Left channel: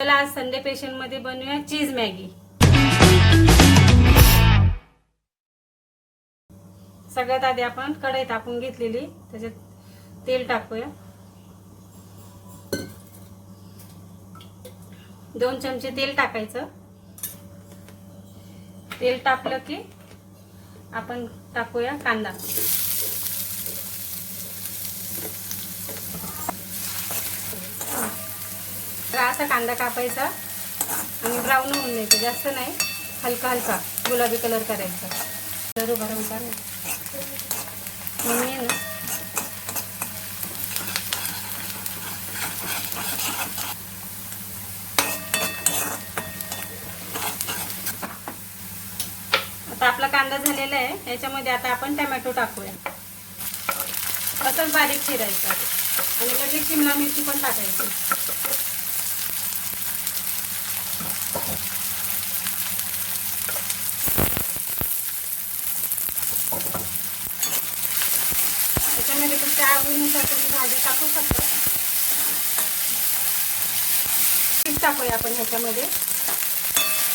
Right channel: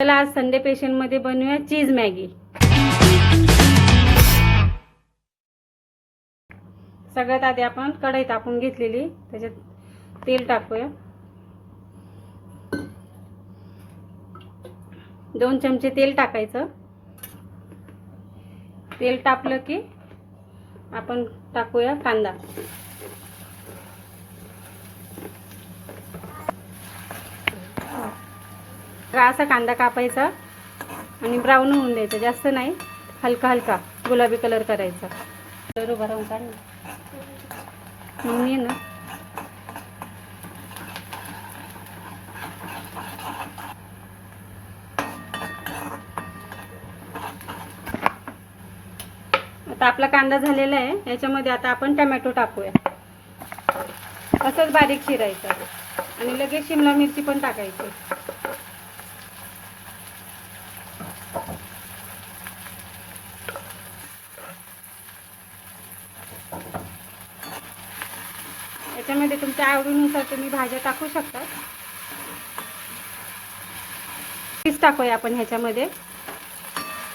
चला आज Sunday special मध्ये बनवूया चीज मॅगी। सगळ्यात आधी आपण कढई तापून घेतलेली, त्याच्यात तेल टाकूया। 2 चमचे तेल टाकायचं। तेल तापलं की आपण टाकूया कांदा। असा कांदा कापायचा आणि ब्राऊन होऊन द्यायचा, जास्त नाही, हलका हलका गुलाबी कलर करायचा। तर उभा राहून काढ मी ना। आता आपला कांदा झालेला आहे, याच्यामध्ये आता आपण टोमॅटो टाकूया। असंच बारीक चिरायचं आणि लगेच शिमला मिरची पण टाकायची। याच्यामध्ये तुमच्या आवडीनुसार तुम्ही भाज्या टाकू शकता। चीज टाकूया आपण ह्याच्यामध्ये,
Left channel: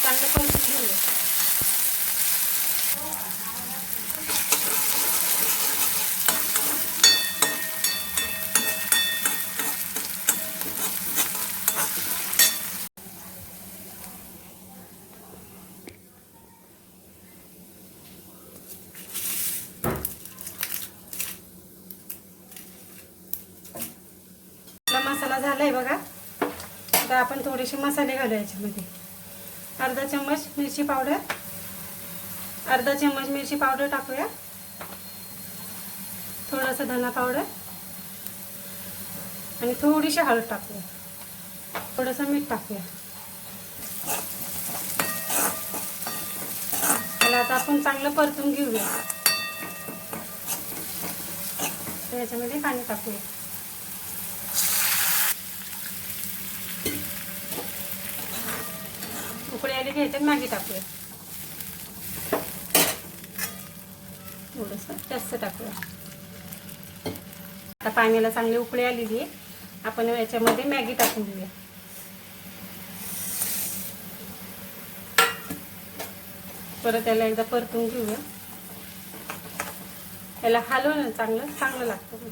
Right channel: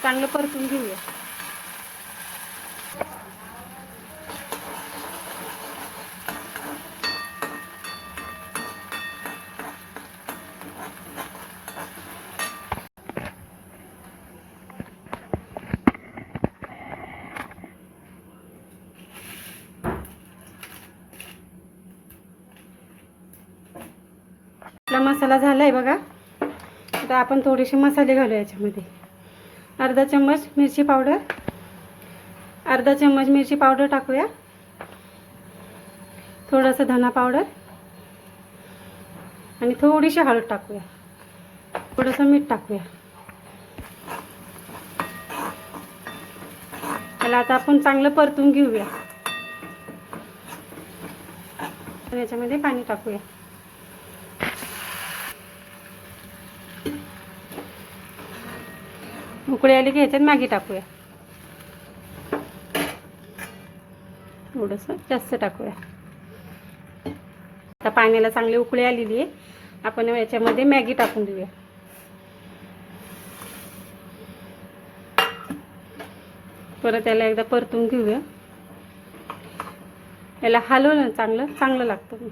चांगलं परतून घेऊया। मसाला झालाय बघा। आता आपण थोडेसे मसाले घालूया याच्यामध्ये। अर्धा चम्मच मिरची पावडर, अर्धा चम्मच मिरची पावडर टाकूया। थोडासा धना पावडर आणि थोडीशी हळद टाकूया। थोडंसं मीठ टाकूया। त्याला आता आपण चांगलं परतून घेऊया। याच्यामध्ये पाणी टाकूया। उकळी आली की ह्याच्यात मॅगी टाकूया। थोडंसं जास्त टाकूया। आता पाण्याला चांगली उकळी आलेली आहे, आपण याच्यामध्ये मॅगी टाकून देऊया। परत याला एकदा परतून घेऊया। याला हलवलं चांगलं चांगलं लागतं।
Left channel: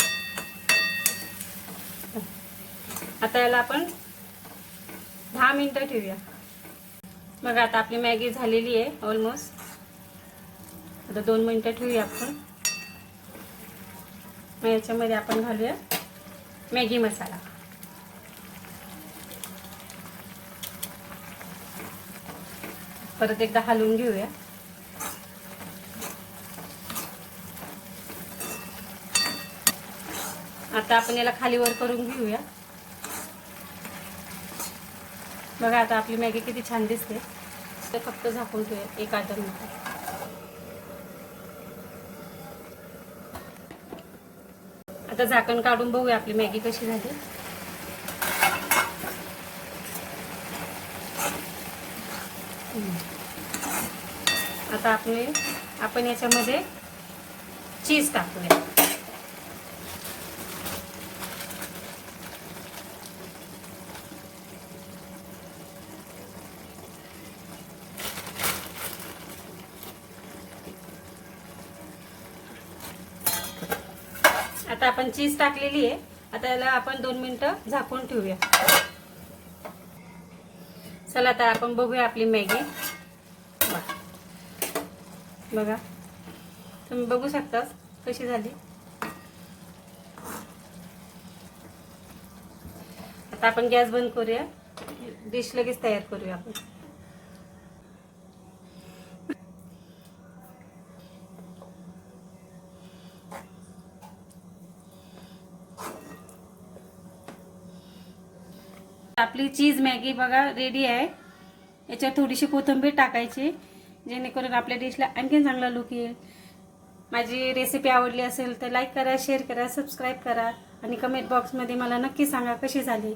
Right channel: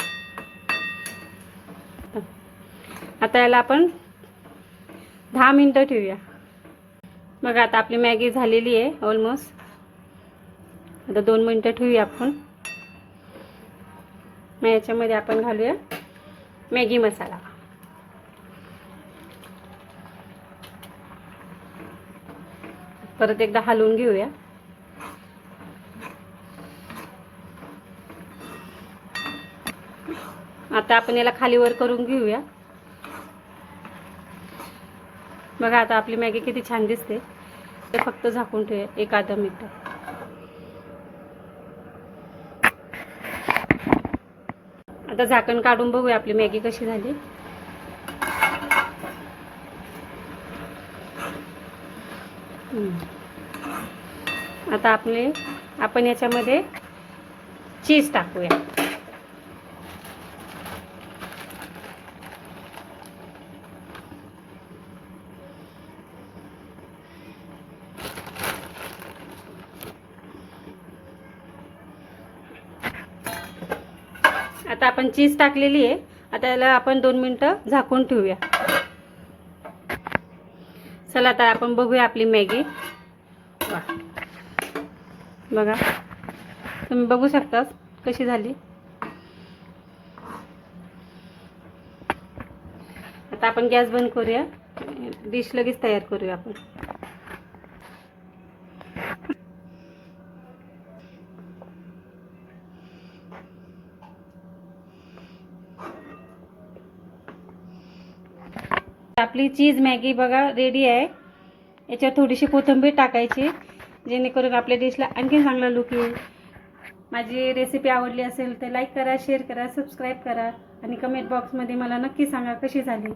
आता याला आपण 10 मिनिटं ठेवूया। बघा आता आपली मॅगी झालेली आहे ऑलमोस्ट। आता 2 मिनिटं ठेवूया आपण। मग याच्यामध्ये आपण घालूया मॅगी मसाला। परत एकदा हलवून घेऊया। आता आपण याला खाली वर करून घेऊया। बघा आता आपली मॅगी किती छान दिसते। ते फक्त झाकून ठेवूया 1-2 मिनिट। आता झाकण काढून बघूया आपली मॅगी कशी झाली। आता आपण याच्यामध्ये चीज टाकूया। आता आपण चीज टाकलेली आहे। आता याला आपण 2 मिनिटं झाकून ठेवूया। चला आता आपण बघूया आपली मॅगी। बघा तुम्ही बघू शकता कशी झाली। आता आपण गॅस बंद करूया। डिश लगेच तयार करूया आपण। आपली चीज मॅगी बघा रेडी आहे। याच्यावर थोडीशी कोथिंबीर टाकायची, जेणेकरून आपल्या डिशला आणखी चांगला लुक येईल। माझी रेसिपी आवडली असेल तर लाईक करा, शेअर करा, सबस्क्राईब करा आणि कमेंट बॉक्समध्ये मला नक्की सांगा कशी झाली।